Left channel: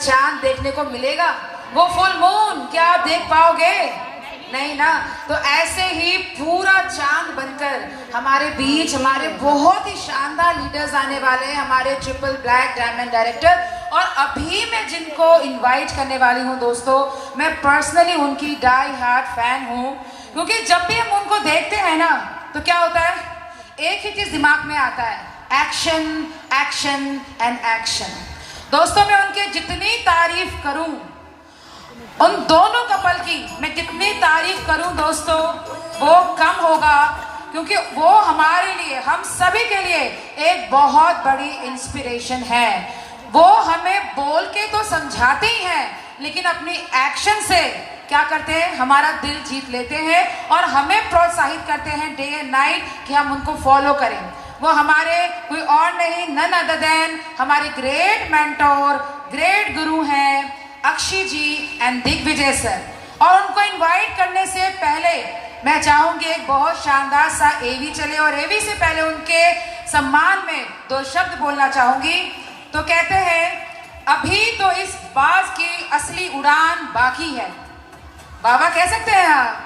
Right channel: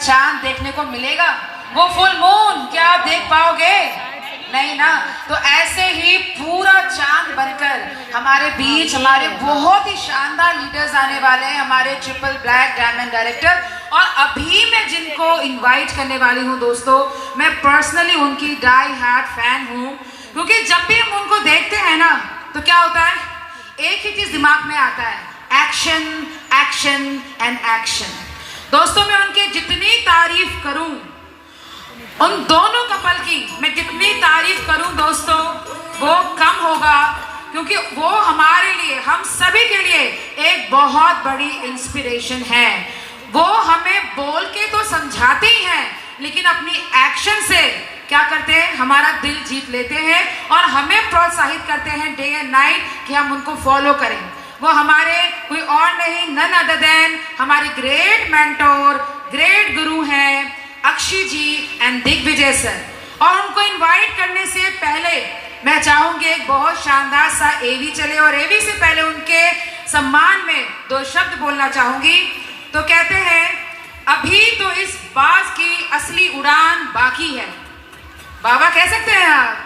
चांद देखने को मिलेगा? वो फुल मून क्या आप देख पाओगे? नहीं ना। तो ऐसे ही पूरा चांद बनकर हमारे बीच हमारे बहुत ही शानदार लीडर्स आने वाले हैं, हमारे ट्रिपल ब्लैक डायमंड डायरेक्टर। और अभी मैं जिनको इनवाइट करने वाली हूँ दोस्तों, मैं पर्सनली उनकी डाई हार्ट फैन हूँ, क्योंकि जब भी हम उनको देखते हैं ना तो क्या होता है, एक ही चीज दिमाग में आता है, एक्शन एक्शन एंड एक्शन। दोस्तों मैं उनके जितनी तारीफ करूं, उन दोनों कपल की मैं जितनी तारीफ करूं दोस्तों वो कम होगा, क्योंकि वो हमारे लिए, हम सभी के लिए एक बहुत बड़ी इंस्पिरेशन है। वो हमें बोल के तो समझाते ही हैं, लेकिन अपनी एक्शन से क्या करते हैं, हमारा दिल जीत लेते हैं और हमें प्रोत्साहित करते हैं डे एंड नाइट कि हम उनको फॉलो करें। वो हमारे कोई और नहीं, नन अदर देन हमारे ग्रेट मेंटोर, ग्रेट गुरु हैं अक्षय जी एंड दिग्विजय सर। और उनको इनवाइट करने से पहले मैं चाहूंगी एक बहुत शानदार सा एवी चले, और एवी से पहले उनके सम्मान में दो शब्द बोलना चाहूंगी। तो कहते हैं, अभी तो इस बाज की असली उड़ान बाकी है। बाबा कह सकते हैं आप?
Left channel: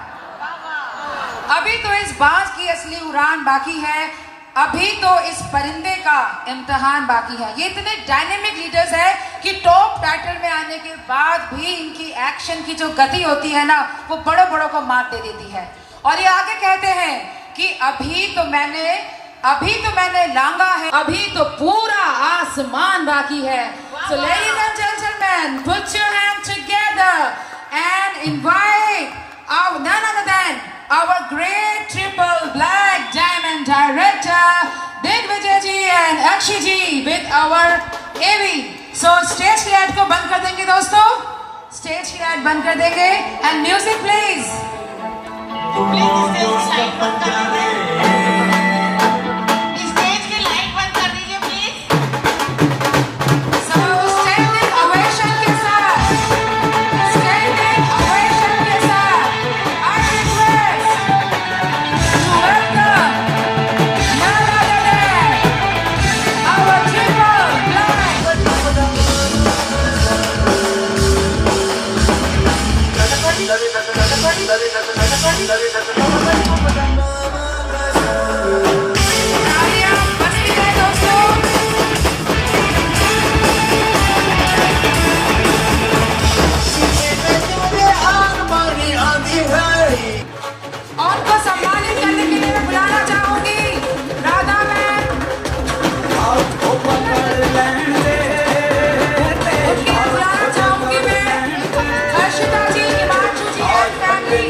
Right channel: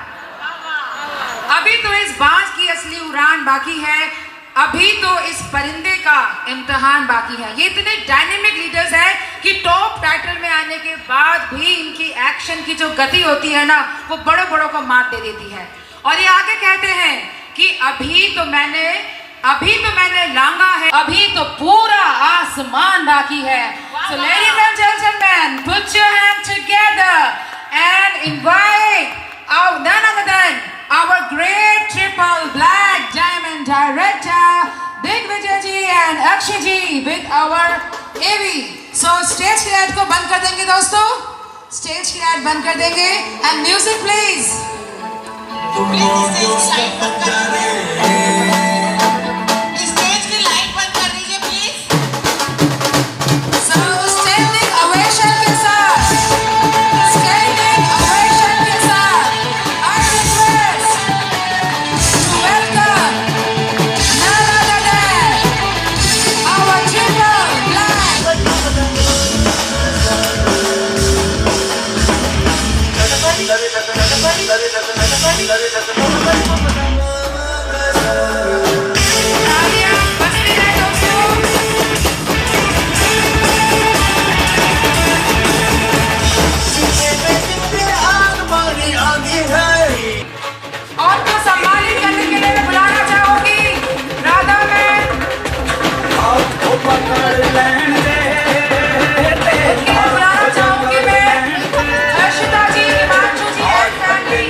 अभी तो इस बाज की असली उड़ान बाकी है, अभी तो इस परिंदे का इम्तिहान बाकी है। ये इतने डायनेमिक लीडर्स हैं कि टॉप टाइटल में आने के बाद भी इनकी एक्शन की जो गति होती है ना, वो बड़ों बड़ों को मात दे देती है। और ये आगे कहते हैं कि अभी तो मैंने लांगा है, अभी तो पूरा आसमान बाकी है। So ladies and gentlemen, put your hands together and invite our none other than our great triple black diamond director Digvijay ji and Akshay ji with our AV. So stage की लाइट को बंद कर देंगे दोस्तों, stage की light बंद कर देंगे and music please. Please stage की लाइट बंद कर दीजिए, स्टेज की लाइट बंद कर दीजिए प्लीज। So standing ovation के साथ, standing ovation के साथ I request to welcome none other than our triple black. और को सम्मानित करने के लिए मैं बुलाना चाहूंगी राधा मैम, बुलाना चाहूंगी मैं हर्षिता जी, हिमांशु जी एंड फैमिली।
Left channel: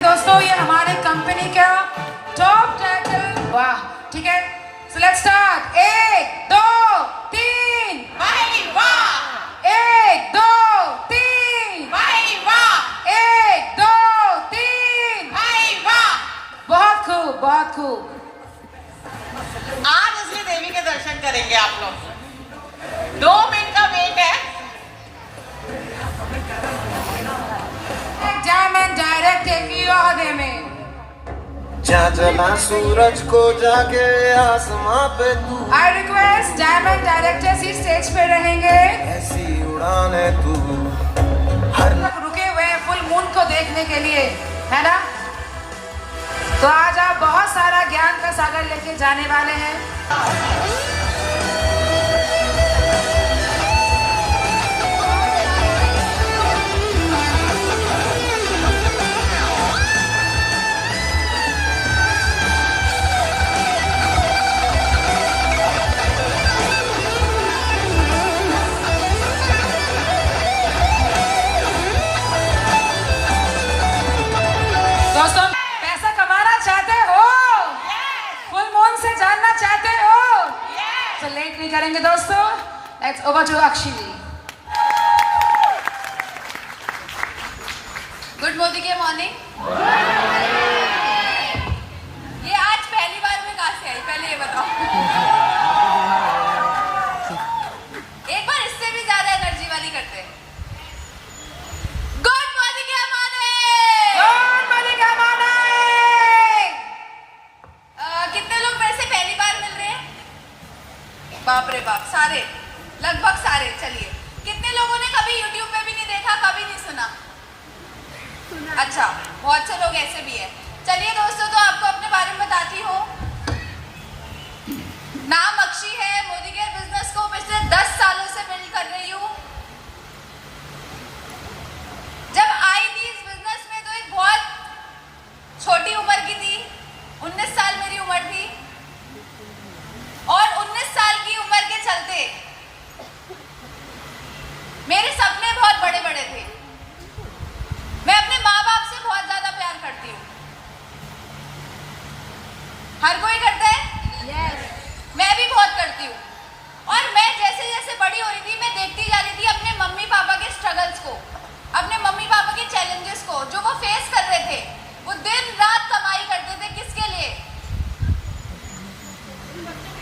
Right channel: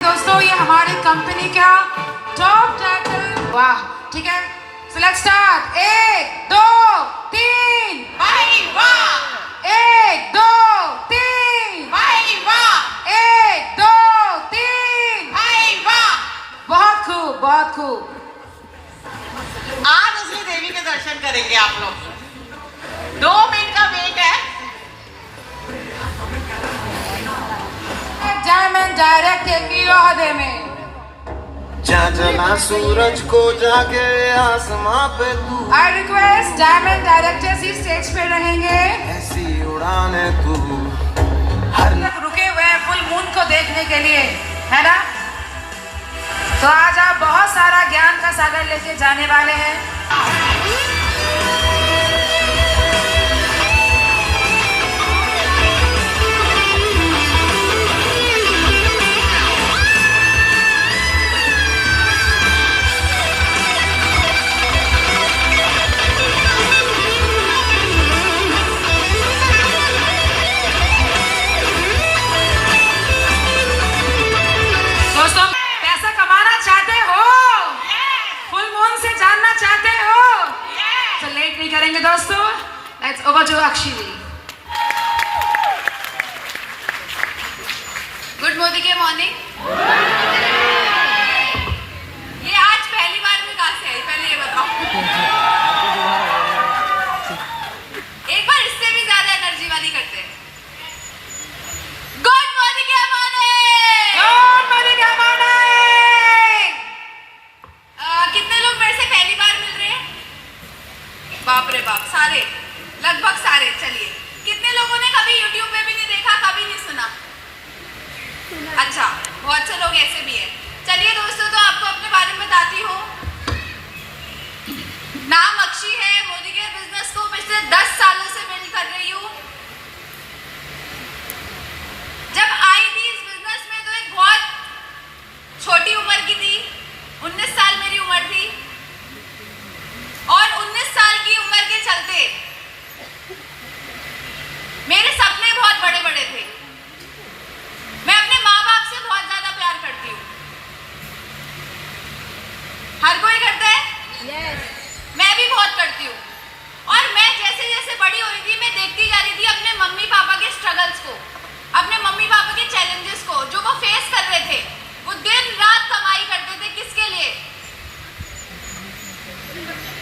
दोस्तों ये हमारे कंपनी का टॉप टाइटल, वाह ठीक है। सो लेट्स स्टार्ट, 1 2 3 भाई वाह, 1 2 3 भाई वाह, 1 2 3 भाई वाह। बहुत खूब बहुत खूब। आज असली देवी के दर्शन करेंगे आप लोग। 2 मिनट का वेट है। डायमंड डायरेक्टर की ओहदे में जा जना सूरज को जाके आसमां पे तू आई रिक्वेस्ट डायमंड डायरेक्टर्स इस स्टेज पे रहेंगे। ऐसी उड़ाने तू हर रुके हुए हैं फुल मून को देखने के लिए, है ना? तो आज आप बहुत सारा ज्ञान का सागर लेके जाने वाले हैं। दोस्तों, पैसा कमाना चाहते हो? फुल मून से जानना चाहते हो? तो लेट नहीं करेंगे दोस्तों, let's over to Akshi ji. Good morning के मॉर्निंग। ये आज पहली बार में कहाँ से आई, पहले ये बताओ। एक बार इससे भी ज्यादा एनर्जी वाली करते हैं। गुड मॉर्निंग के मॉर्निंग। गुड मॉर्निंग के मॉर्निंग। कितने लोग मेरे से पहली बार मिल रहे हैं? बाप रे बाप, सारे, लगभग सारे। चलिए, कितने लोगों ने कभी YouTube पे भी नहीं देखा, कभी नहीं सुना? अच्छा, बहुत से लोग ऐसे भी हैं। चलिए दोस्तों, तो आपको अपने बारे में बताती हूँ। नाम अक्षी है, मोदी केयर बिजनेस को पिछले 10 सालों से बिल्ड कर रही हूँ। जब आई थी इस बिजनेस में तो एक बहुत छोटी उम्र की थी, 19 साल मेरी उम्र थी। और 19 साल की उम्र के चलते मेरे सपने बहुत बड़े बड़े थे। मैं अपने माँ बाप से बहुत ज्यादा प्यार करती हूँ। हर कोई करता है? yes. मैं भी बहुत करती हूँ। और मैं जैसे जैसे बड़ी हो रही थी, मैं देखती जा रही थी अपने मम्मी पापा के स्ट्रगल्स को, अपने मम्मी पापा के चैलेंजेस को, जो वो फेस कर रहे थे। वो दिन रात कमाई करते थे, किसके लिए?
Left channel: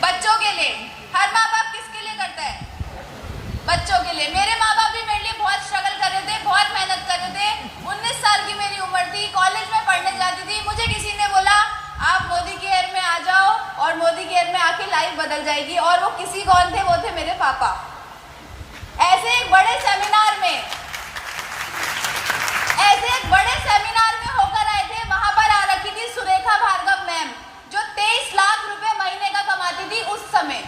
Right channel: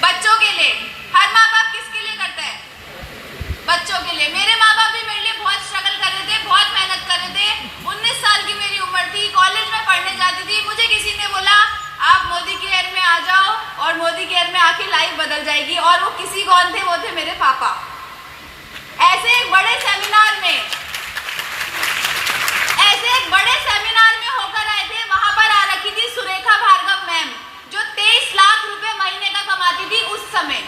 बच्चों के लिए। हर माँ बाप किसके लिए करता है? बच्चों के लिए। मेरे माँ बाप भी मेरे लिए बहुत स्ट्रगल कर रहे थे, बहुत मेहनत कर रहे थे। 19 साल की मेरी उम्र थी, कॉलेज में पढ़ने जाती थी। मुझे किसी ने बोला आप मोदी केयर में आ जाओ और मोदी केयर में आके लाइफ बदल जाएगी। और वो किसी कौन थे? वो थे मेरे पापा। ऐसे एक बड़े सेमिनार में होकर आए थे। वहां पर आ रखी थी सुरेखा भार्गव मैम, जो 23 लाख रुपए महीने का कमाती थी उस समय,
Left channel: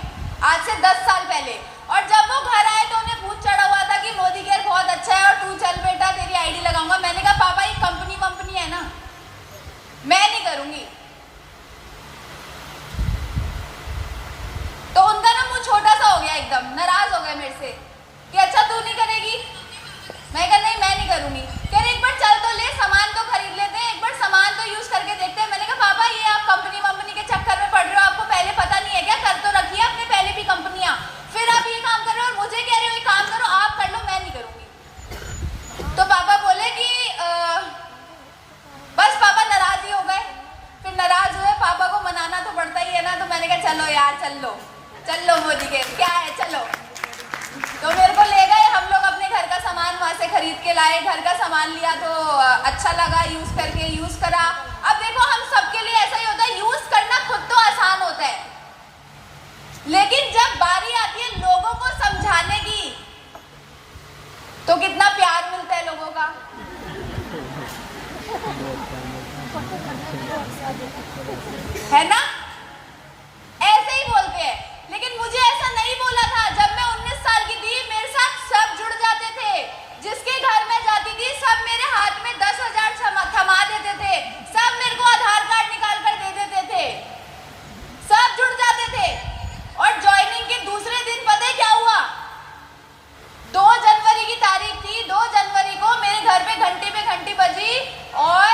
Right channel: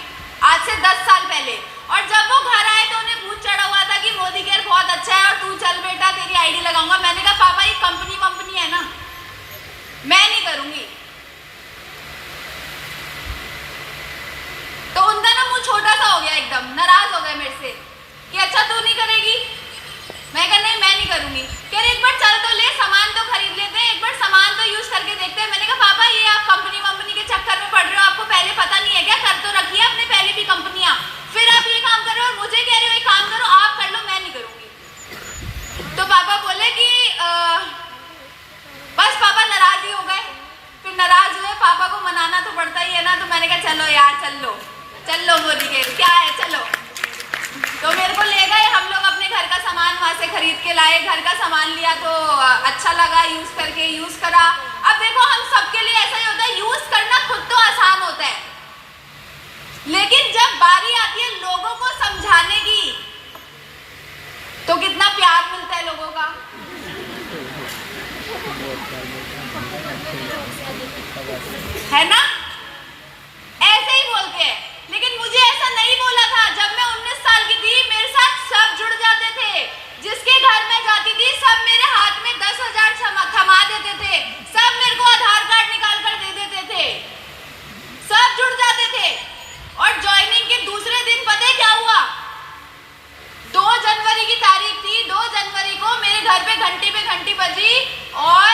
आज से 10 साल पहले। और जब वो घर आए तो उन्हें भूत चढ़ा हुआ था कि मोदी केयर बहुत अच्छा है और तू चल बेटा तेरी आईडी लगाऊंगा। मैंने कहा पापा ये कंपनी है ना, मैं नहीं करूंगी। तो उनका ना मुंह छोटा सा हो गया, एकदम नाराज हो गए मेरे से कि अच्छा तू नहीं करेगी। मैं कहा नहीं मैं नहीं करूंगी। कह रहे एक बार चल तो ले, सामान तो खरीद लेते हैं, एक बार सामान तो यूज करके देखते हैं। मैंने कहा पापा ये आप कंपनी के चक्कर में पड़ रहे हो, आपको पहले पता नहीं है क्या? कर तो रखी है आपने पहले भी कंपनियां, फिर आप ये काम कर रहे हो और मुझे कह रहे हो ये काम करो, आप कर लो, मैं नहीं करूंगी। तो पापा बोले कि बस पापा नाराज ही हो गए। फिर नाराज हुए, पापा को मनाना तो पड़ता ही है ना। तो मैंने कहा चलो यार चल लो मोदी केयर क्या है, चलो। तो मेरे को ले गए, हम लोग अपने घर का सामान वहां से खरीद के लाए। घर का सामान लिया तो अच्छा लगा, यूज करा। अब देखो हम सबके लिए ऐसा ही होता है, यूज करना खुद तो आसान होता है, लेकिन जब बारी आती है लोगों को समझाने की तो कितना प्यार मिलता है लोगों का। है ना? ऐसे ही बोलते हैं, लेकिन मुझे ऐसा नहीं बोला था। जब मैं 19 साल की थी मेरे साथ सब जुड़ जाते थे। जिसके घर में जाती थी सब मेरे हाथ में 10,000 थमा देते थे, सब मेरे को आधार कार्ड निकाल कर दे देते थे, सब जुड़ जाते थे। और ज्वाइनिंग के दूसरे दिन पता है क्या हुआ? 2 जनवरी की तारीख थी। 2 जनवरी को मेरे घर पे घंटी बजी और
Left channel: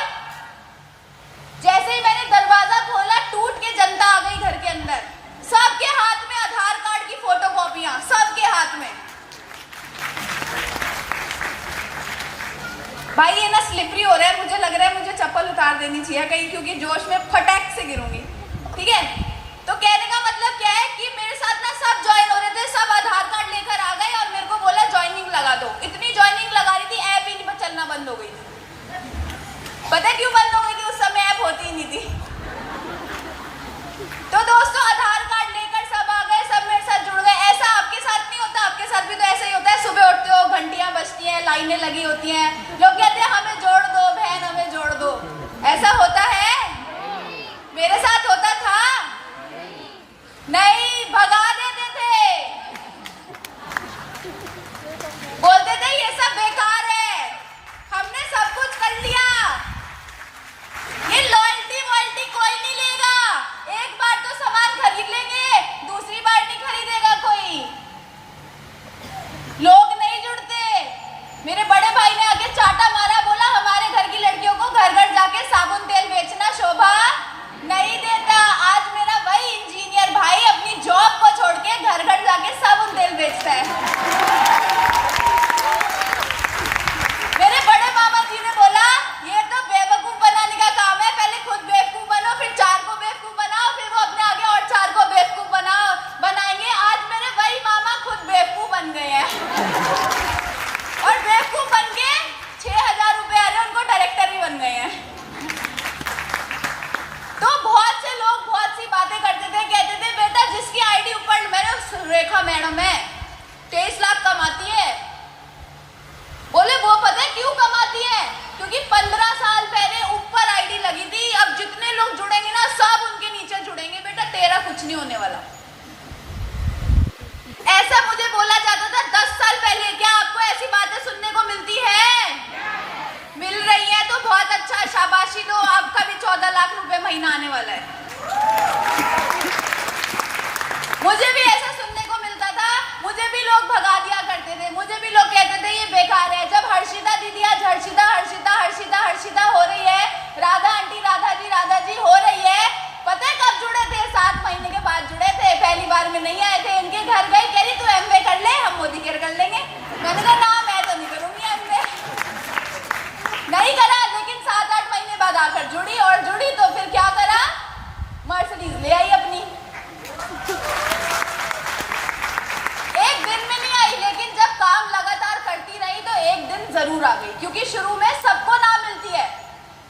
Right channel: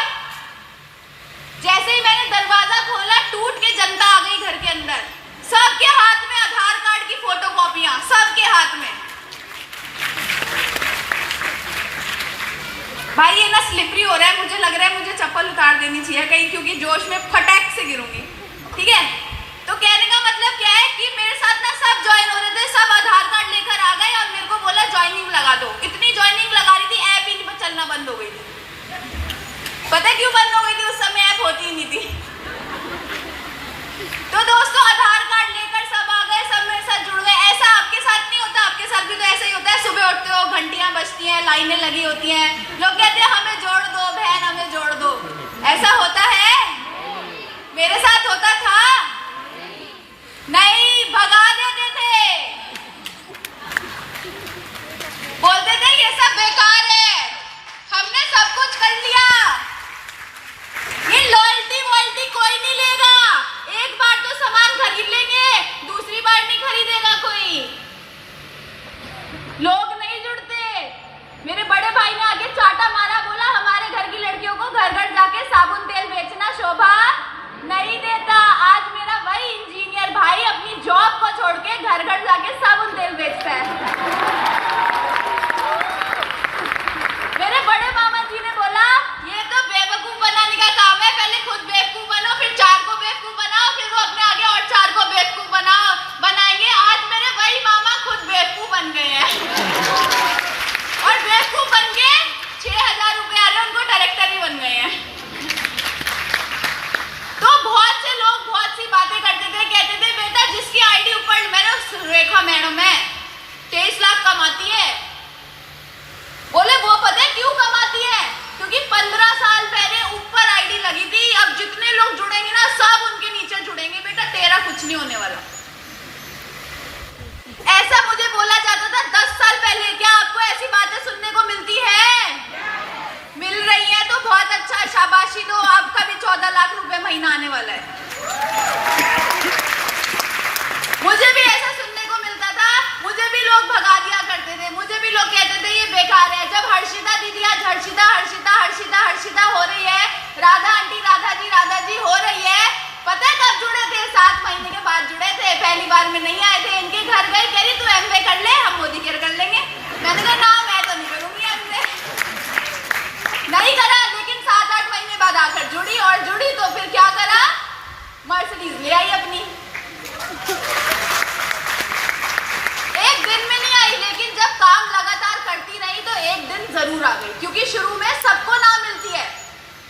जैसे ही मैंने दरवाजा खोला टूट के जनता आ गई घर के अंदर। सबके हाथ में आधार कार्ड की फोटोकॉपियां, सबके हाथ में। भाई ये ना स्लिपरी हो रहा है, मुझे लग रहा है मुझे चप्पल उतार देनी चाहिए कहीं, क्योंकि जोश में फटैक से गिरूंगी। ठीक है? तो कहने का मतलब क्या है कि मेरे साथ ना सब ज्वाइन हो रहे थे, सब आधार कार्ड लेकर आ गए और मेरे को बोला ज्वाइनिंग लगा दो। इतनी ज्वाइनिंग लगा रही थी, ऐप ही चलना बंद हो गई थी। पता है क्यों बंद हो गई थी? उस समय ऐप होती ही नहीं थी। कहते थे बेटा जिसकी आईडी ऊपर, मैंने रेखा मैडम है 23 लाख कमाती है। बोले वो पता है क्यों कमाती है? क्योंकि 15 साल पहले ऊपर आईडी लगी थी, अब जितने लोग जुड़ेंगे ना सब उनके नीचे जुड़ेंगे। बेटा तेरा कुछ नहीं होने वाला। ऐसा मुझे बोला जाता था 10 साल पहले। क्या आपको ऐसी बातें सुनने को मिलती है? मिल रही है तो बहुत अच्छा, शाबाशी दो। आपका भी 14 लाख रुपए महीना आने वाला है। मुझे भी ऐसा सुनने को मिलता था, मुझे भी लोग भगा दिया करते थे, मुझे भी लोग कहते थे ये बेकार है। जब हर्षिता दीदी आज हर्षिता हर्षिता हर्षिता हर्षिता हो रही है, राधा आंटी राधा जी हो रही है, पता है कब जुड़े थे? 7 महीने के बाद जुड़े थे, पहली बार में नहीं आए थे। इनके घर गई, कह रही तू एमवे कर ले, हम मोदी केयर कर लेंगे। मैंने कहा ना मैं तो नहीं करूंगी एमवे, नहीं करा। लेकिन 7-8 महीने बाद आकर जुड़ी, और जुड़ी तो फिर क्या करा? मर्सिडीज ले आई अपनी। एक दिन में नहीं आई, लेकिन जब काम लगातार करती रही तो एक दिन जरूर आ गई। क्योंकि शुरू में सबको ना मिलती है।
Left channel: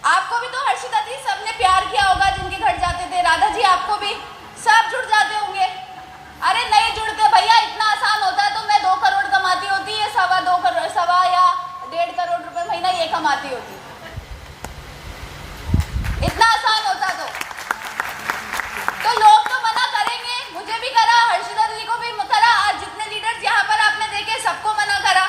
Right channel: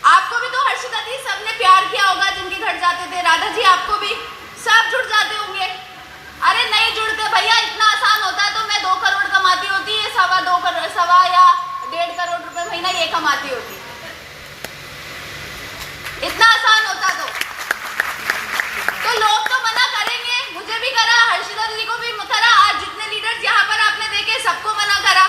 आपको भी तो हर्षिता जी सबने प्यार किया होगा जिनके घर जाते थे, राधा जी आपको भी सब जुड़ जाते होंगे। अरे नहीं जुड़ते भैया, इतना आसान होता तो मैं 2 करोड़ कमाती होती, ये 2.25 करोड़, 1.25 या 1.5 करोड़ रुपए महीना ये कमाती होती। इतना आसान होता तो लोग तो मना करेंगे। मुझे भी करा, हर्षिता दीदी को भी करा, आज जितने लीडर्स यहाँ पर आपने देखे सबको मना करा,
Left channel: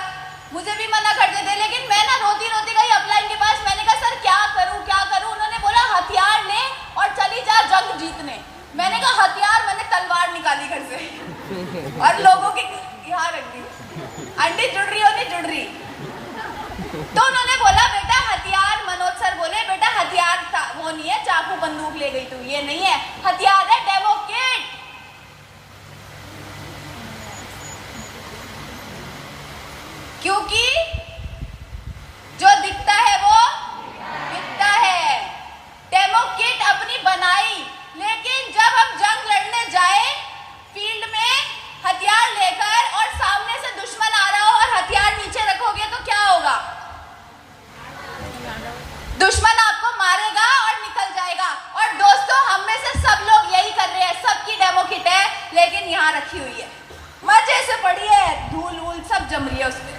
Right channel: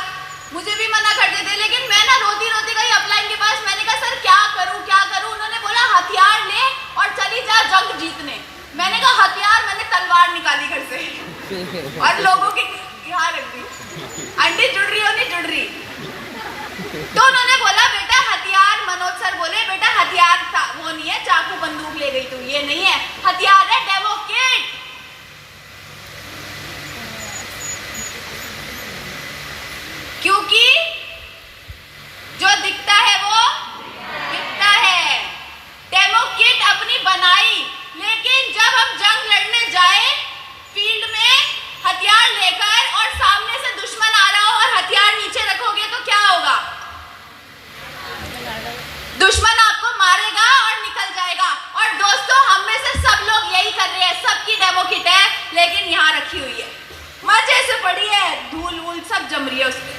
मुझे भी मना करते थे। लेकिन मैं ना रोती रोती गई अपलाइन के पास। मैंने कहा सर क्या करूं क्या करूं? उन्होंने बोला हथियार ले और चली जा जंग जीतने। मैंने कहा हथियार? मैंने तलवार निकाली घर से और लोगों की यहाँ रख दी। आंटी जुड़ रही हो नहीं जुड़ रही? तो उन्होंने बोला बेटा हथियार, मनोज सर बोले बेटा हथियार था वो नहीं है, चाकू बंदूक ले गई तू, ये नहीं है हथियार, है डेमो किट। क्योंकि जो दिखता है वो दिखता है। डेमो किट अपनी बनाई, लेकिन जब हम जंग लड़ने जाए फील्ड में हथियार लेकर और सामने से दुश्मन आ रहा हो और हथियार नीचे रखोगे तो क्या होगा? दुश्मन आपको मारेगा और निकल जाएगा। और दोस्तों हम में से सब लोग यही कर रहे हैं, सबकी डेमो किट है लेकिन यहाँ रखी हुई है, मजे से पड़ी है, धूल वूल सब जम रही है उसमें।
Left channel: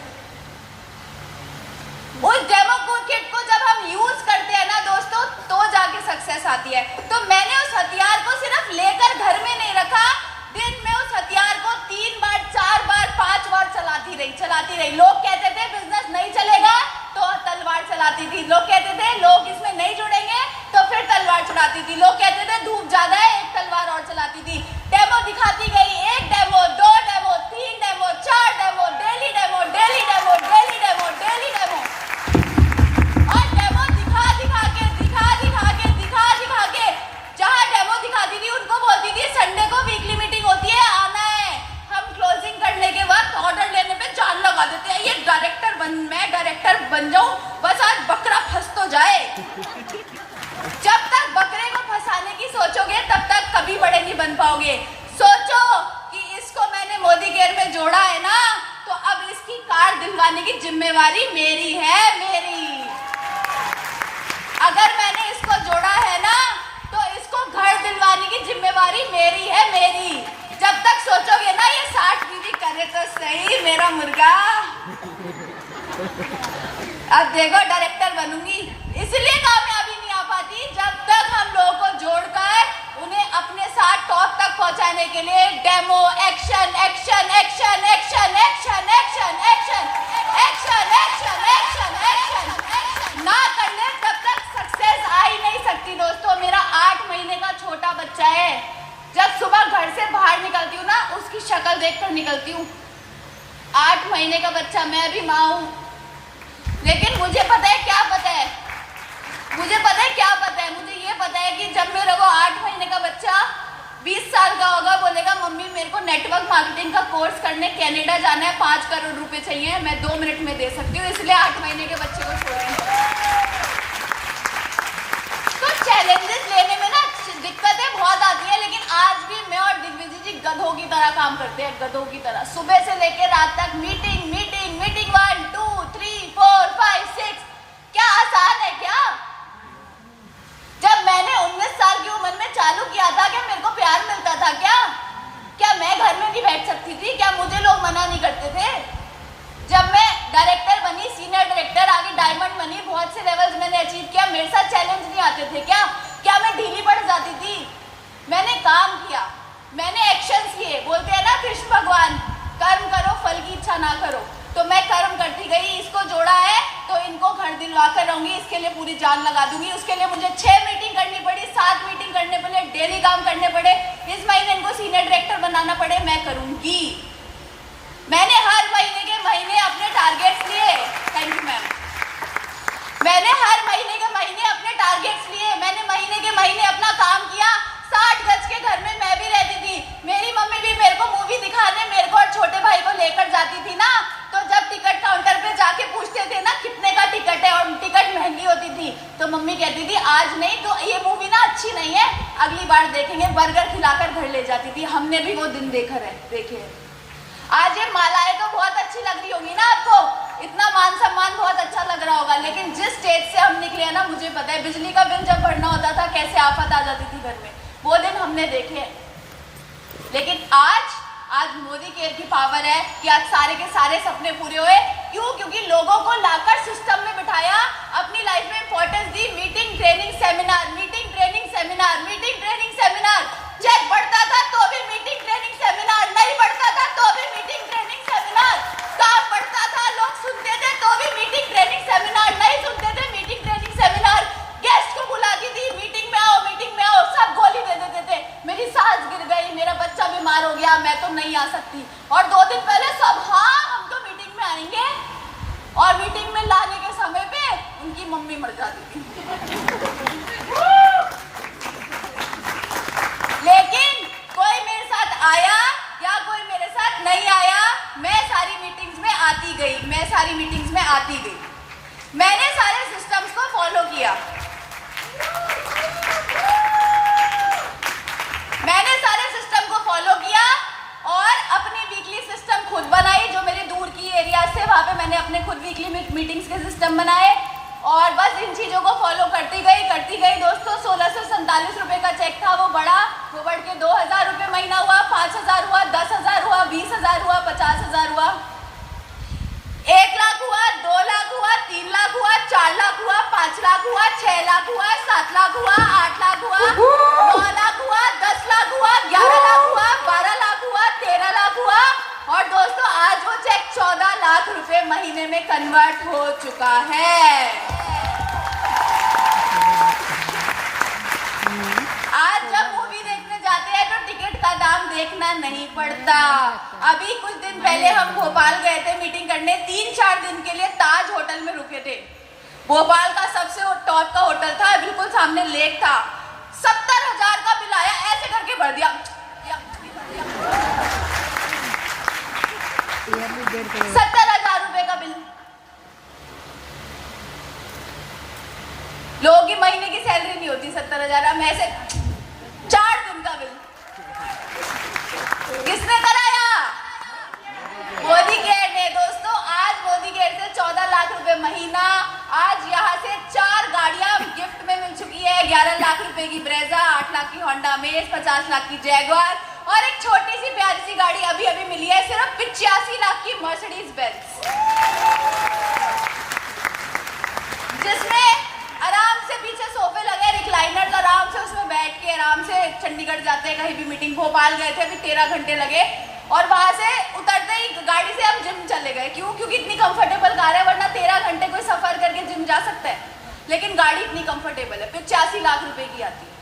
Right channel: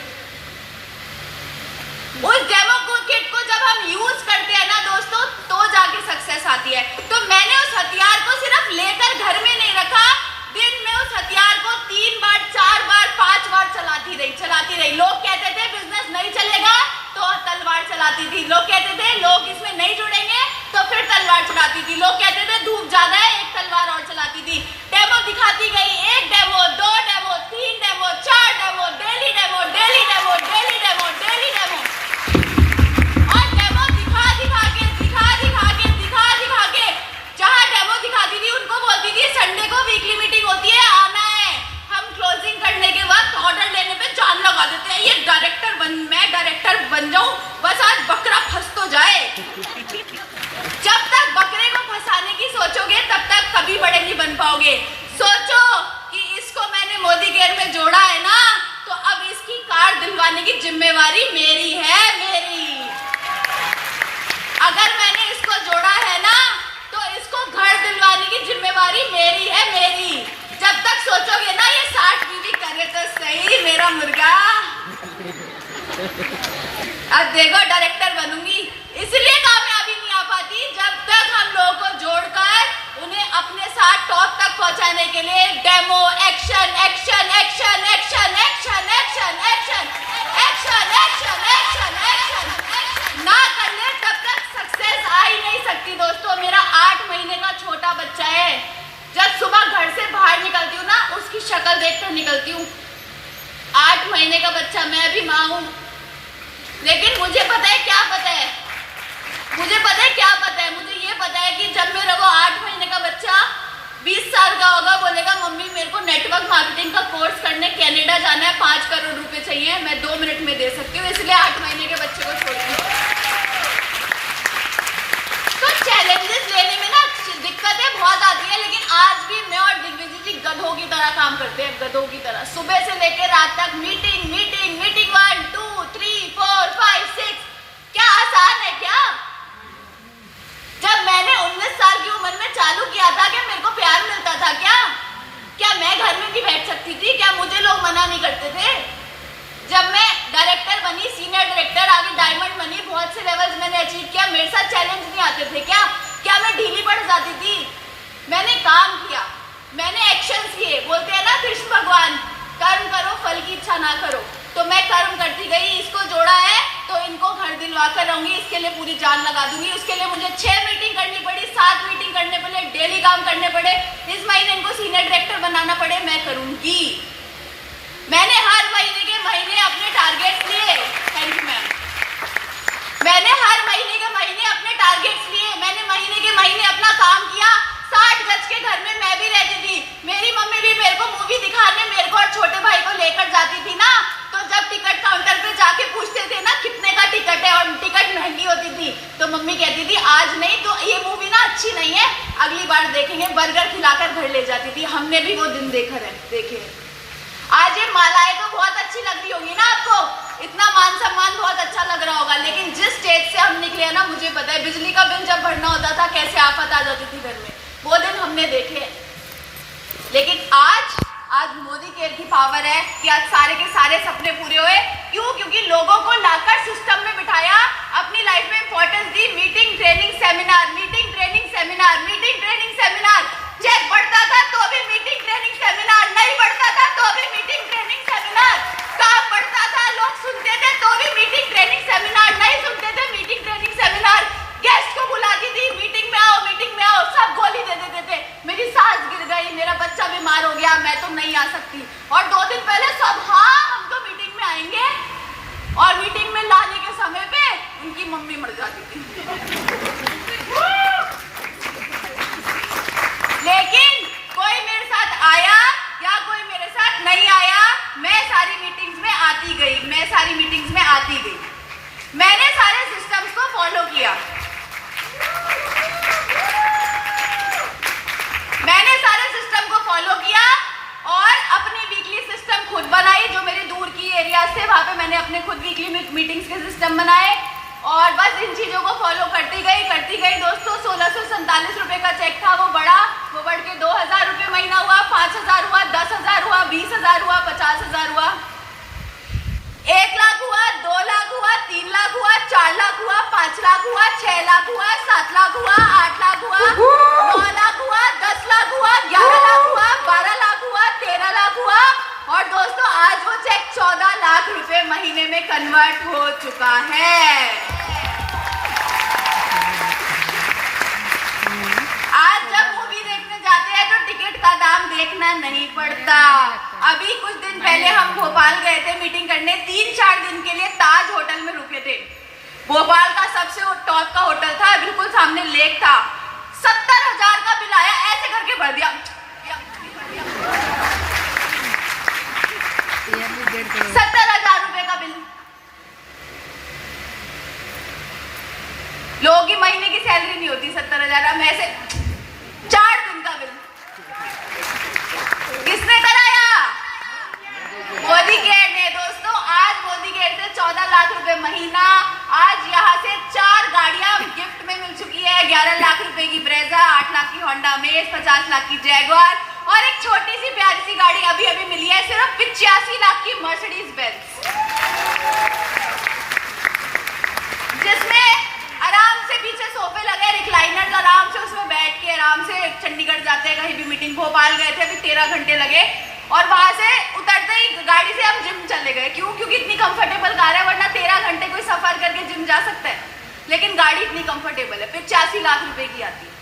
उस डेमो किट को जब हम यूज करते हैं ना दोस्तों तो जाके सक्सेस आती है। तो मैंने उस हथियार को सिर्फ लेकर घर में नहीं रखा, दिन में उस हथियार को 3 बार 4 बार 5 बार चलाती रही। लोग कहते थे बिजनेस नहीं चलेगा तो तलवार चलाती थी, लोग कहते थे लोग इसमें नहीं जुड़ेंगे तो फिर तलवार चलाती थी, लोग कहते थे धूप ज्यादा है एक तलवार और चलाती थी। डेमो दिखाती गई, 1 demo 2 demo 3 demo 4 demo, daily demo daily demo daily demo daily demo, और डेमो दिखा के जहाँ डेमो दिखाती थी उनको बोलती थी संडे को वीकली मीटिंग होती है, आना है। हम क्लोजिंग करने के वक्त ऑर्डर लेने पे जान लगा देते हैं, ये मैं डायरेक्टर बन जाऊं, बस आज बकरा फंस तो जाए। जब तक बकरे को फंसाने की सोचोगे तब तक कभी बड़े नहीं बन पाओगे। सोचो कि इसको मैंने मोदी केयर में जोड़ा है ना, तो अब इसकी कार दिलवाने की जिम्मेवारी मेरी है, मेरी। अगर मैंने इसको जोड़ा है ना तो इसको घर दिलवाने की जिम्मेवारी मेरी है, मेरी। जब तक सोचोगे ना ये 60 बीवी करे तो सही मेरा मुर्गा, अब देखो डायरेक्टर बनूंगी। इसलिए कामयाबी नहीं आ पाती जब तक हम लोगों को जोड़कर उन्हें अपने साथ टॉप तक पहुंचाने के लिए demo action action action action action action action action action action action ना कर ले तब तक सक्सेस आ ही नहीं सकती। दोस्तों मेरा 8 महीने का छोटा बच्चा है, जब सुबह घर से बाहर निकलती हूँ ना उसकी शक्ल देखकर निकलती हूँ। 8 महीने का बच्चा, मैं भी माँ हूँ, लेकिन मुझे पता है क्या पता है, मुझे ये पता है कि जब मेरे को 8 महीने का बच्चा 20 साल का होगा, बोलेगा मम्मी मेरे को नेटवर्क मार्केटिंग का कोर्स करने कनाडा जाना है, 5 करोड़ रुपए चाहिए, मैं 2 मिनट में दे सकती हूँ, इसलिए 8 महीने के बच्चे को छोड़ूंगी। तो चैलेंजेस लेने में ना दिक्कतें बहुत आती है, लेकिन आज भी मैं और दिग्विजय जी गधों की तरह काम करते हैं, गधों की तरह। सुबह से लेकर रात तक मीटिंग मीटिंग मीटिंग, 1 2 3 4 5 6। क्या आसान है क्या? जब मैंने 19 साल की उम्र में चालू किया था कि मेरे को प्यार मिलता था सकती थी? क्या मुझे लोग मना नहीं करते थे? जब मैं डायरेक्टर बनी, सीनियर डायरेक्टर, आगे डायमंड बनी, बहुत से लेवल्स मैंने अचीव किया, मेरे साथ चैलेंज नहीं आते थे क्या मैं ढीली पड़ जाती थी? मैंने काम किया, मैंने एक्शंस किए। बोलते हैं ना कृष्ण भगवान, कर्म करो फल की इच्छा ना करो। तो मैं कर्म करती गई, इसको जोड़ा है तो इनको घर दिलवा कर रहूंगी, इसके लिए पूरी जान लगा दूंगी। उसके लिए मुझे 6 मीटिंग करनी पड़ी, 7 मीटिंग करने पड़े, डेली काम करने पड़े, इस महीने इनको सीनियर डायरेक्टर बनाना पड़े, मैं करूंगी। मैंने हर महीने के महीने अपने टारगेट्स लिए। Thank you ma'am. मैंने हर महीने के महीने अपने टारगेट्स लिए, मैंने महीने के महीने अपना काम किया। 60 गज के घर में मैं भी रहती थी, मेरी मम्मी भी मेरे को मूवी दिखाने मेरे को और छोटे भाई को लेकर जाती थी ना, तो जब टिकट काउंटर पे जाके पूछते थे ना कितने का टिकट है, और टिकट महंगी होती थी, तो मम्मी कहती थी आज नहीं तो ये मूवी ना अच्छी नहीं है, अगली बार देखेंगे, बर्गर खिलाकर घर ले जाती थी। हमने भी वो दिन देखे। आज ये मालाएं तो बहुत अच्छी लग रही होगी ना आपको, इतना मान सम्मान बहुत अच्छा लग रहा होगा, लेकिन जिस स्टेज से हम निकले हैं ना, मुझे पता है बिजली का बिल जब भरना होता था कैसे आफत आ जाती थी घर में, वो दिन हमने देखे। लेकिन आज मोदी केयर की पावर है कि आज सारे के सारे सपने पूरे हुए। क्यों? क्योंकि लोगों को लाकर सिस्टम में बिठाया, अपनी लाइफ में इंपॉर्टेंस दी। Meeting training seminar, meeting training seminar, meeting training seminar. Check बढ़ता था तो भी मीटिंग ट्रेनिंग सेमिनार, नहीं बढ़ता था तो भी मीटिंग ट्रेनिंग सेमिनार, काम बढ़ता था लोग सुनते थे तो भी मीटिंग ट्रेनिंग सेमिनार, नहीं सुनते थे मीटिंग ट्रेनिंग सेमिनार। गेस्ट को बुलाती थी, मीटिंग में आओ, सब गोली दे देते थे, मेरी सास गिर गई, मेरा बच्चा बीमार हो गया, मैं तो नहीं आ सकती। और 2 दिन पहले सब हाँ हम तो मीटिंग में आएंगे, और मीटिंग में लाने के समय पे उनकी मम्मी मर जाती थी। लेकिन कोई मेरे साथ आया या कोई मेरे साथ नहीं आया, मैं सारी मीटिंग्स में आती गई, मैंने सारे सिस्टम्स को फॉलो किया, और अपनी वीकली सिस्टम खुद बनाई। जो मेरे दूर की एरिया से वहाँ पे मैंने अपने खुद वीकली मीटिंग्स के सिस्टम बनाए, और बस इन चीज़ों को फॉलो करती गई दोस्तों। 1647 रुपये का चेक था, वो बढ़ के 2000 रुपये महीना हुआ, 5000 हुआ, 10,000 हुआ, 20,000 हुआ, 50,000 हुआ, 1 लाख हुआ, 2 लाख हुआ, 3 लाख हुआ, 4 लाख हुआ, 5 लाख हुआ, 6 लाख हुआ, 7 लाख हुआ, 8 लाख हुआ, 9 लाख हुआ, 10 लाख हुआ, 11 लाख हुआ, 12 लाख हुआ, 13 लाख हुआ, और दोस्तों आज वो चेक 14 लाख रुपए महीने में कन्वर्ट हो चुका है। आज जब मूवी देखने जाते हैं तो टिकट का दाम देखना नहीं पड़ता। अभी कुछ दिन पहले हम भोपाल गए थे मीटिंग करने, 3-4 दिन के लिए ताज होटल में रुके थे। भोपाल का सबसे टॉप का होटल था, बिल्कुल सामने लेक था। 70,000 का बिल आया, ऐसे करके भर दिया, 70,000 रुपए का बिल। लोगों की महीने की सैलरी नहीं होती 70,000, हम ऐसे 4 दिन का बिल किसने कराया? मोदी केयर ने। दोस्तों आज मोदी केयर से 14 लाख रुपए महीना, आज यहाँ से 4 गाड़ियां गिफ्ट में मिल चुकी है। 11 लाख रुपए की ब्रेजा, 8 लाख की होंडा अमेज, 50 लाख की जैगुआर, और एक छोटी सी प्यारी सी गाड़ी अभी मिली है सिर्फ 85 लाख की मर्सिडीज बेंज, जिसमें आराम से पीछे सोफे लगे, रिक्लाइनर्स, आराम से उसमें बैठ के आराम से चंडीगढ़ जाते हैं कहीं भी मीटिंग। भोपाल गए थे, अभी 13 घंटे लगे, और वहां से उतरते ही गाड़ी से हम जिम चले गए। क्यों? क्योंकि इतनी कंफर्टेबल कार है, वरना 13 घंटे कोई सफर करके जिम जा सकता है, लेकिन गाड़ी इतनी कंफर्टेबल है, 85 लाख रुपए की आती है।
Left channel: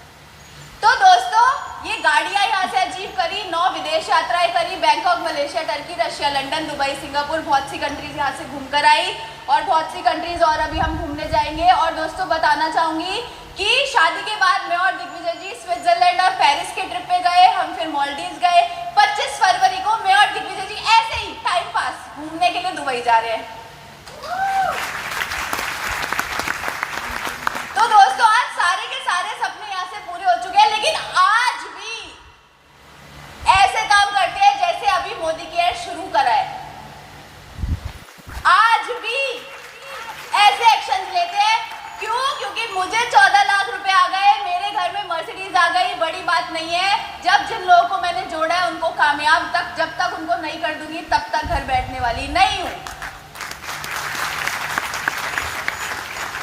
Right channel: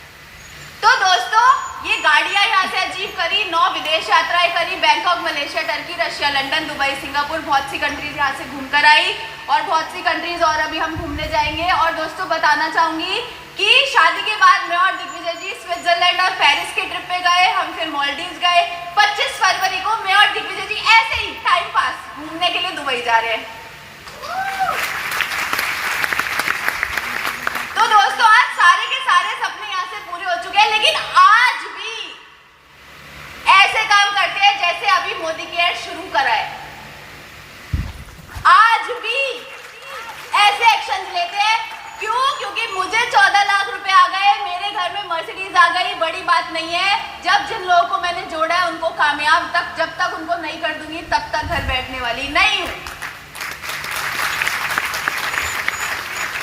तो दोस्तों ये गाड़ियां यहाँ से अचीव करी, 9 विदेश यात्राएं करी, Bangkok, Malaysia, Turkey, Russia, London, Dubai, Singapore, बहुत सी कंट्रीज यहाँ से घूम कर आई, और बहुत सी कंट्रीज और अभी हम घूमने जाएंगे। और दोस्तों बताना चाहूंगी कि शादी के बाद मैं और दिग्विजय जी स्विट्जरलैंड और पेरिस के ट्रिप पे गए, हम फिर मालदीव्स गए। 25 फरवरी को मैं और दिग्विजय जी ऐसे ही टाइम पास घूमने के लिए दुबई जा रहे हैं। तो दोस्तों आज सारे के सारे सपने यहाँ से पूरे हो चुके हैं, लेकिन आज भी ऐसे काम करते हैं जैसे अभी मोदी केयर शुरू करा है। आज भी ऐसे एक्शन लेते हैं। क्यों? क्योंकि मुझे 14 लाख रुपए आ गए, मेरे घर में मर्सिडीज आ गई, बड़ी बात नहीं है। जब जिन लोगों को मैंने जोड़ा है उनको कामयाब तक, जब तक उनको नहीं कर दूंगी तब तक घर बैठने वाली नहीं हूँ।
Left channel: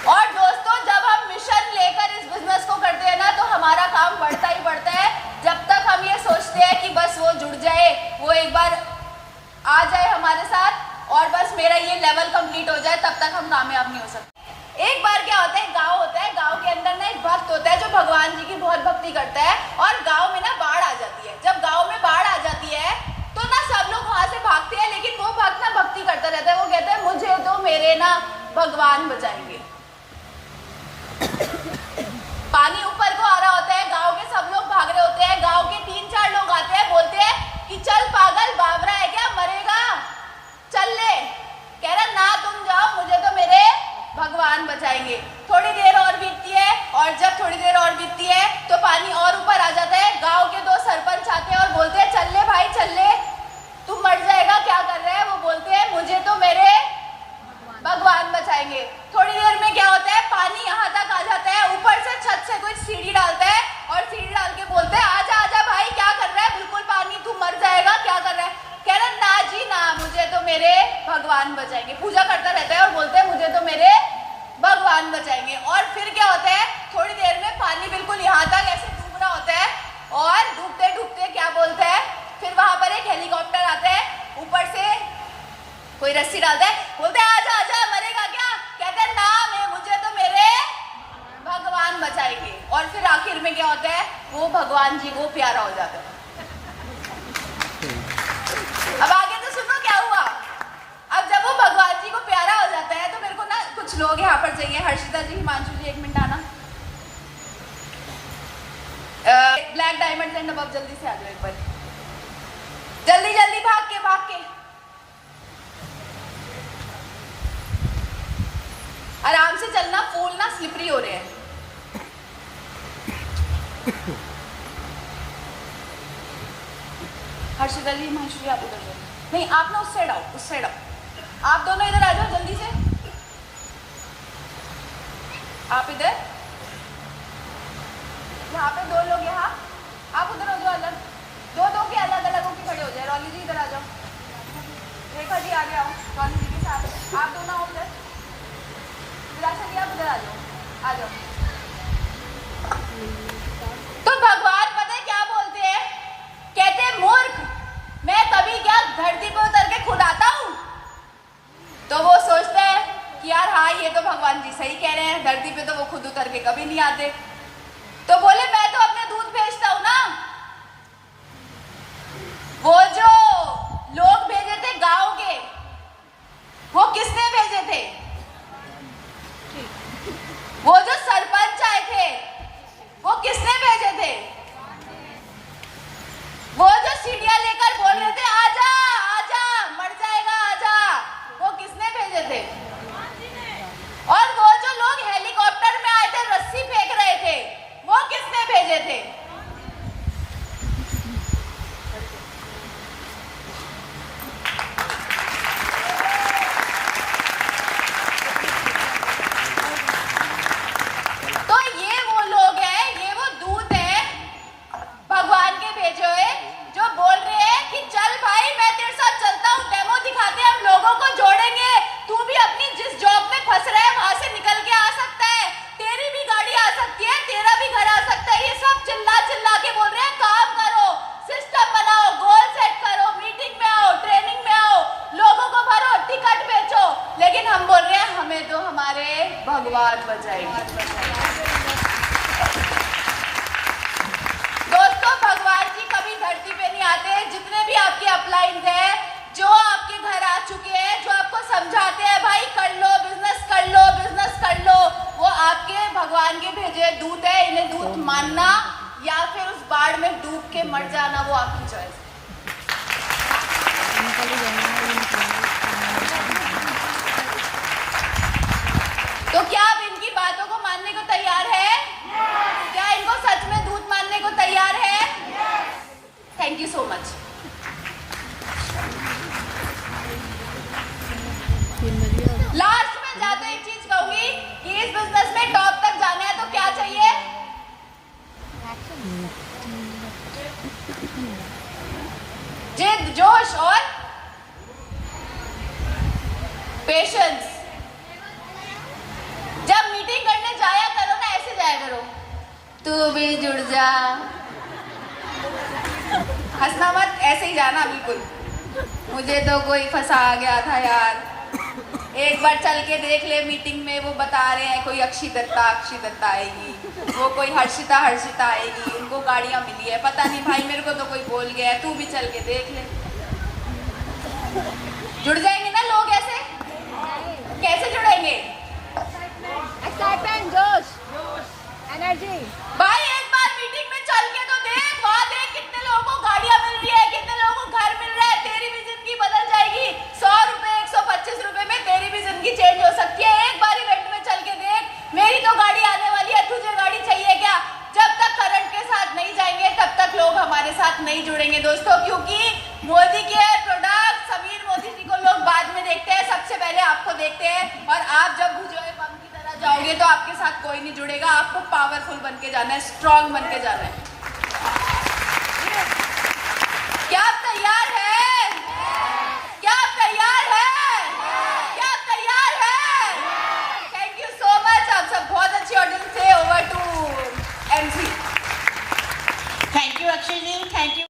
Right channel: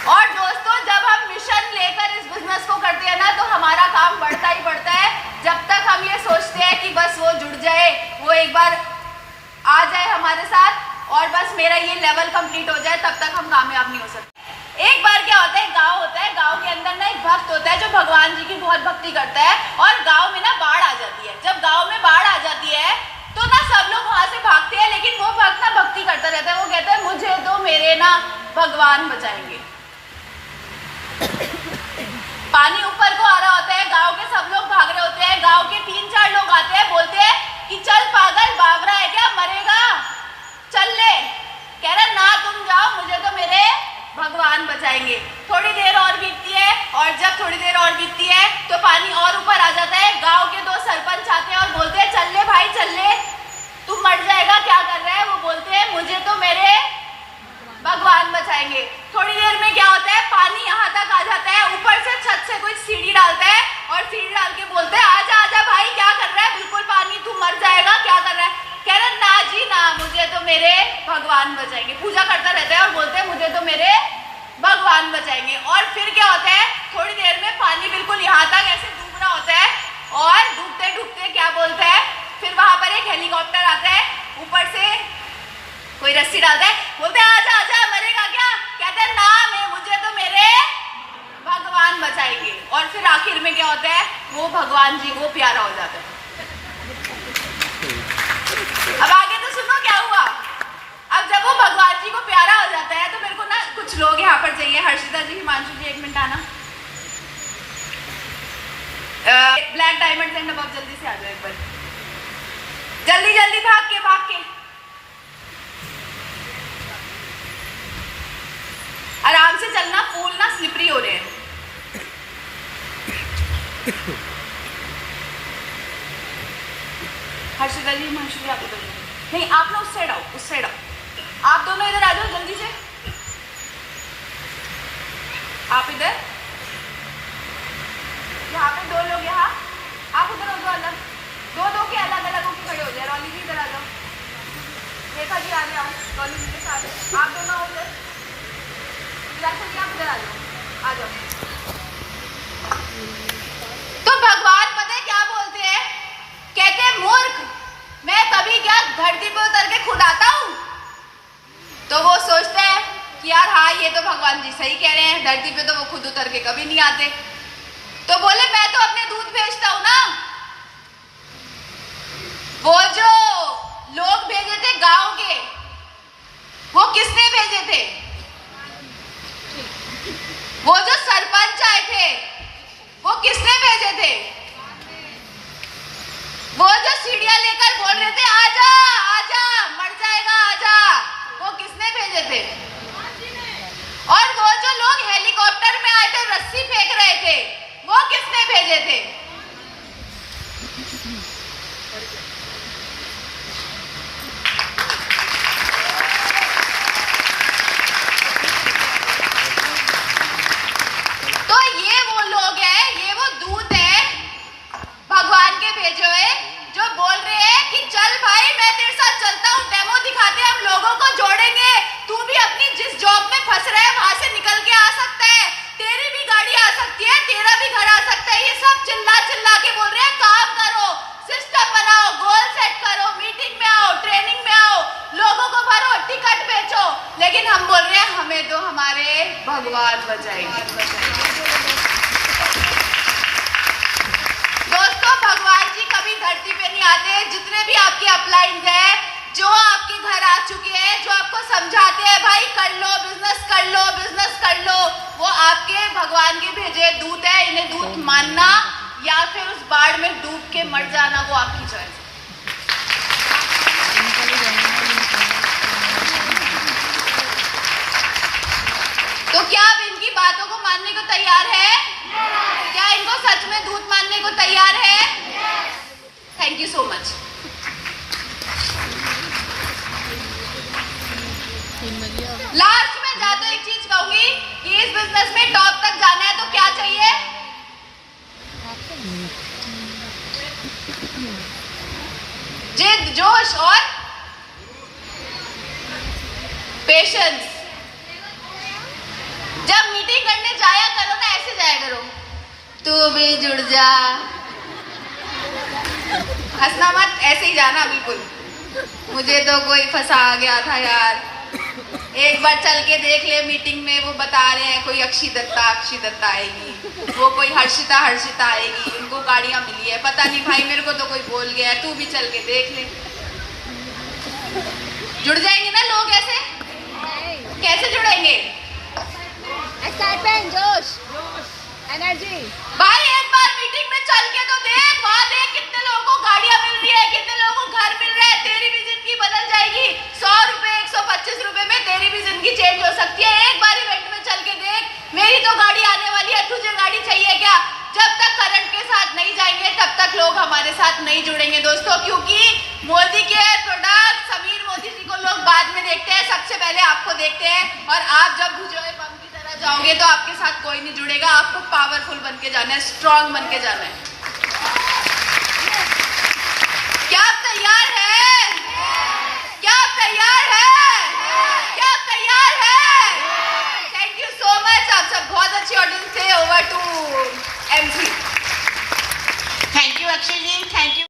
और दोस्तों, जब हम मिशन लेकर इस बिजनेस को करते हैं ना, तो हमारा काम बढ़ता ही बढ़ता है। जब तक हम ये सोचते हैं कि बस वो जुड़ जाए, वो एक बार आ जाए हमारे साथ और बस मेरा ये लेवल कंप्लीट हो जाए, तब तक हम कामयाब नहीं हो सकते। एक बार क्या होता है, गांव होता है, गांव के अंदर ना एक भक्त होता है जो भगवान जी की बहुत भक्ति करता है, और गांव में ना बाढ़ आ जाती है। जब गांव में बाढ़ आ जाती है तो ना सब लोग वहां से भागते हैं, लेकिन वो भक्त ना भक्ति करता रहता है। वो कहता है मुझे तो मेरे ना भगवान बचाएंगे। पानी ऊपर को आ रहा होता है, गांव के सब लोग भाग रहे होते हैं। गांव के 3-4 लोग आते हैं, बोलते हैं कि चल पागल, बावरा है क्या, मरेगा, चल ले। कह रहा ना तुम जाओ, मुझे तो मेरे भगवान बचाएंगे। थोड़ी देर और बीतती है, और जब थोड़ी देर और बीतती है तो पानी और ऊपर आ जाता है। गांव के 2 सरपंच आते हैं और बोलते हैं चल ले भाई, चल ले, तू मर जाएगा, क्या कर रहा है। वो बोलते हैं मुझे तो मेरे भगवान बचाएंगे। थोड़ी देर में क्या होता है, पानी यहाँ तक आ जाता है, ऊपर से छत से कोई सीढ़ी डालता है और सीढ़ी डाल के बोलते हैं आजा आजा भाई, क्या कर रहा है, बिल्कुल पानी, तू मर जाएगा, क्या कर रहा है। कह रहा ना जी ना, मुझे तो मेरे भगवान बचाएंगे। पूजा करता रहता है और बोलते हैं मुझे तो मेरे भगवान बचाएंगे। और फिर क्या होता है, थोड़ी देर में पानी बिल्कुल यहाँ तक ऐसे डूब रहा होता है, और डूबते डूबते क्या बोलता है, फिर वहां पर एक हेलीकॉप्टर आता है, ऊपर से कोई रस्सी डालता है, बोलते हैं आजा आजा, मरेगा क्या। कहते हैं ना, मैं मुझे तो मेरे भगवान बचाएंगे। और फिर आखिर में क्या होता है, वो भगवान जी को प्यारा हो जाता है। अब आगे तो सुनो क्या हुआ। अब जब वो भगवान जी को प्यारा हो जाता है तो मेरे को ना कुछ लोग यहाँ पर चाहिए। हर्षिता जी, हिमांशु जी, 1 मिनट आना। ब्लैक डायमंड एंड अबव जल्दी से आ जाओ एक बार, जल्दी जल्दी, भाग के आराम से चलना, फूल ना स्लिपरी हो रहे हैं। हर्षिता जी, हिमांशु जी, आप इधर नहीं, आप ना उस साइड आओ, उस साइड आओ, आप दोनों इधर आ जाओ जल्दी से। आप इधर, यहाँ पे 2 लोग, यहाँ आप उधर हो जाओ, अलग, 2-2 के अलग अलग होकर खड़े हो जाए। रॉली जी इधर आ जाओ, रेखा जी आगे आओ, रॉली जी के साथ आप दोनों आओ इधर। विराशा जी आप इधर आ जाओ। तो भगवान पता है क्या बोलते हैं, कहते हैं मूर्ख, मैं कभी क्या धरती पे उतर के खुद आता हूँ। तो वो सोचता है कि यार हाँ, ये तो भगवान जी सही कह रहे हैं, धरती पे तो वो खुद उतर के कभी नहीं आते। तो बोले मैं तो अपने दूध भेजता हूँ ना। वो जो लोग भेजे थे गांव के, वो किसने भेजे थे, वो जो सरपंच आए थे, वो किसने भेजे थे, वो जो सीढ़ियां लेकर बोल रहे थे आजा आजा, मर जाएगा आजा, वो किसने भेजे थे। और वो जो लोग हेलीकॉप्टर में आए थे, रस्सी फेंक रहे थे, वो किसने भेजे थे। तो ये वो लोग हैं, ये वो दूत है भगवान के भेजे हुए, जो बोल रहे हैं कि चल भाई, मैं तेरे साथ चलता हूँ, डेमो दिखाते हैं, हम लोगों को जोड़ेंगे, तू भी अपनी जिस जॉब में फंस रहा है वहां से निकल के आ सकता है, तेरी भी गाड़ी आ सकती है, तेरा भी घर आ सकता है। ये सब चिल्ला चिल्ला के बोल रहे हैं काम करो, सिस्टम बनाओ, गोल सेट करो, मीटिंग में आओ, ट्रेनिंग में आओ, लोगों को भरो, टिकट बेचो। लेकिन हम बोल रहे हैं हमें तो हमारे भगवान बचाएंगे। दोस्तों, भगवान जी कभी धरती पे नहीं आते। जितने भी आपके अपलाइंस हैं, जो आपके घर आ चुके हैं, जो आपको समझाते हैं भाई कर लो, बिजनेस कर लो, बिजनेस कर लो, वो आपके भगवान के भेजे दूत है। इन्हें दूत मानना या फिर उस बाढ़ में डूब के मर जाना, वो आपकी चॉइस है। तो क्या आप इनकी बातों को मानने को तैयार है? क्या इनको सच में दूत मानने को तैयार है? Thank you so much. Last में जाते एक चीज कहूंगी कि इस बिजनेस में टॉप तक जाना है तो क्या चाहिए? जिद, जोश और पेशेंस। जब मीटिंग करने जाया करो ना, ऐसे जाया करो, तू भी जुड़ जा। हंसना मत, ऐसे ही जाना बिल्कुल। मुझे तो कोई फंसा गया था यार। एक बार चल के देख ले, मीटिंग में वो बता रहे हैं कोई अक्षी दत्ता आएगी, वो कोई हर्षिता आएगी, उनको गाड़ियां मिली है। पता नहीं भाई, मेरे को तो कोई बोल गया है, तू भी चल के देख ले। जुड़ जाएंगे ना लोग ऐसे? कैसे जुड़ेंगे? एक्साइटमेंट, जोश, एनर्जी। भाई एक बार मीटिंग में चल के तो देख, वहां देख कितने लोगों को गाड़ियां मिल रही है, कितने लोगों को घर मिल रहा है। तेरी भी जिंदगी बदल जाएगी। 100 रुपए 125 रुपए में तेरी भी जिंदगी चेंज हो सकती है। एक बार इवेंट में चल के देख, मेरी तो गाड़ी आने वाली है, तुझे गाड़ी चाहिए क्या? जब तक करंट के साथ नहीं जाएंगे तब तक लोग हमारे साथ नहीं जुड़ेंगे दोस्तों, क्योंकि मोदी के प्रोडक्ट, समीर मोदी जी को लोग बाद में देखते हैं, सबसे पहले आपको देखते हैं। और आप जब भुजोए बम की तरह जाओगे तो आपके साथ कोई नहीं जुड़ेगा। आपको पावरफुल बन के जाना है, स्ट्रांग बन के जाना है। क्या आप तैयार है? क्या आप तैयार है? क्या आप तैयार है? Thank you so much. आप सब बहुत अच्छी ऑडियंस थे। Over to MC। Thank you Akshay ji, thank you.